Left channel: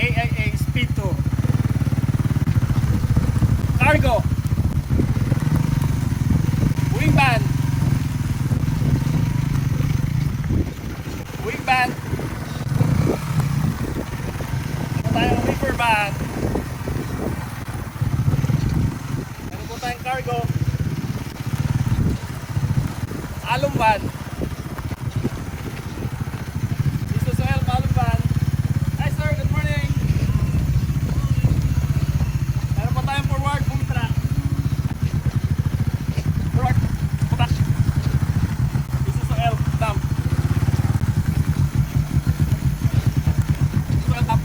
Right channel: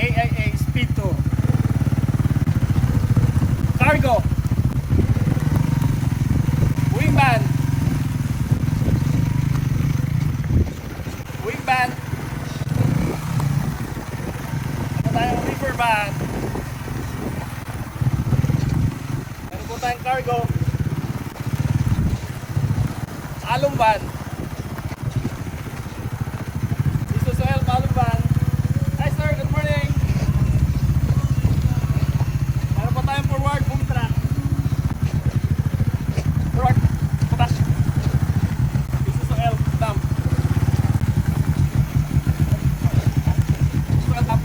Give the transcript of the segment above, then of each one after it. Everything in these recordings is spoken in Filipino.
AIA Speed 2. Cargo. Wing van. Wing van. Ano tayong reefer van. Meron po tayong cargo. Alum van. Isuzu alum van. Hi sir, good morning. Meron po tayong forward boom truck. Forward truck. Isuzu dump. Isuzu dump.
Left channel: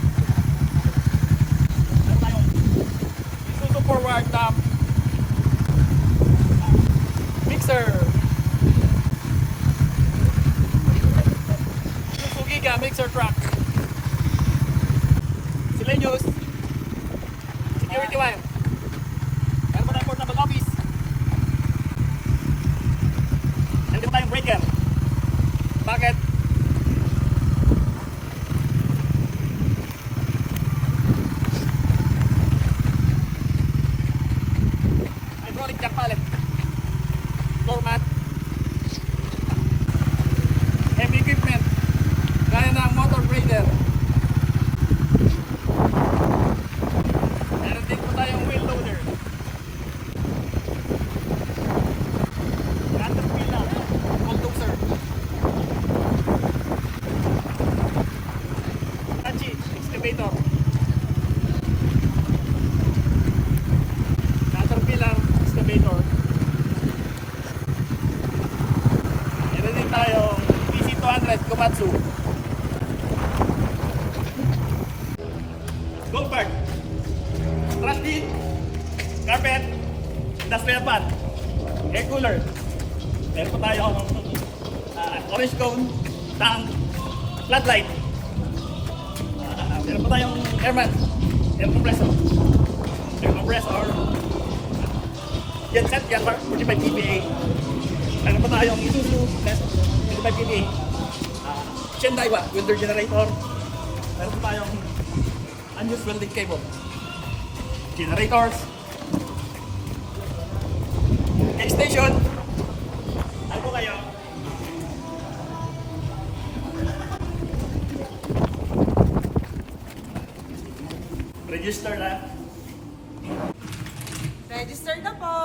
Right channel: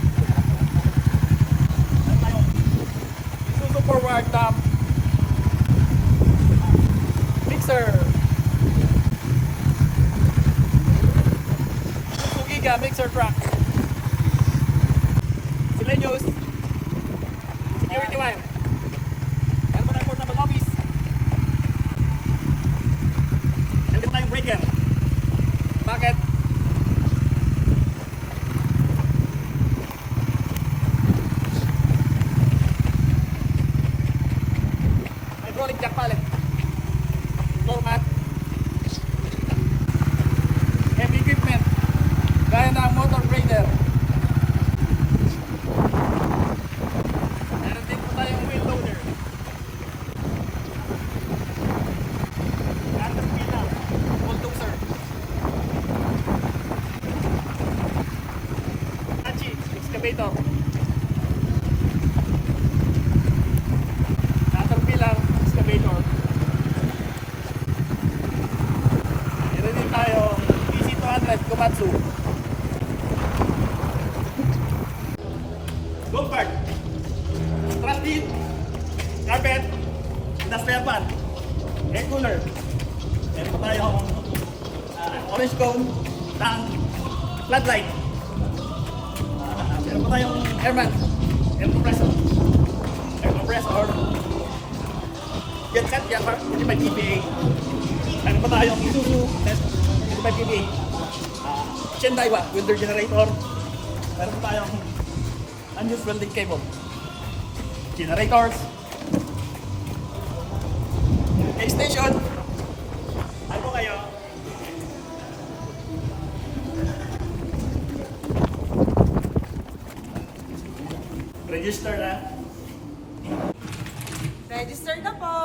Meron tayong Isuzu forward dump. Mixer. Mixer truck. Silenyos. Security wire. Meron pa tayong portable office. Meron pa tayong breaker. Bucket. Hydraulic jack pallet. Floor mat. Heavy equipment. Gaya ng motor grader. Meron din po tayong wheel loader. Caterpillar, bulldozer. Hitachi, excavator. Caterpillar, excavator. Meron din tayong PC200 Komatsu. Golf cart, trash bin, carpet, industrial fan, air cooler. Meron pa tayong orange cone, tank, floodlight. Meron pa tayong airman, air compressor, genset, Yanmar, 45 PPA. Meron pa tayong Isuzu net, 25 PPA. Shendaiwa, welder generator. Meron pa tayong unused welding cable, generators, gas station. Ano po kayo? Register na. Register na po.